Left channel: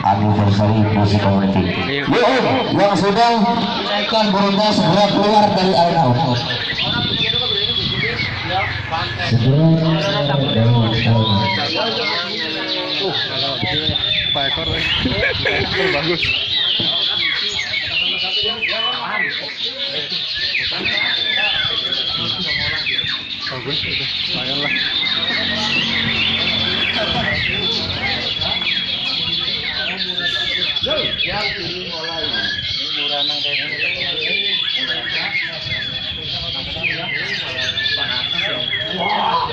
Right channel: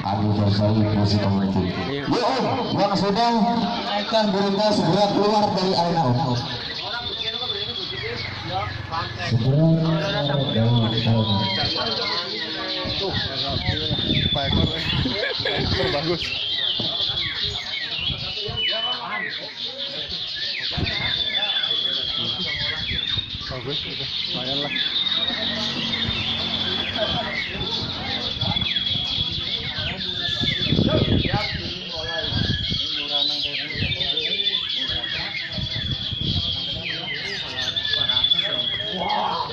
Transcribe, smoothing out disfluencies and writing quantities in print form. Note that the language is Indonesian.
Abu Basari musik komedi. Yang sudah kan burungnya segera keluar dari arena out. Segera dari arena. Bagus. Bagus, lumayan lah.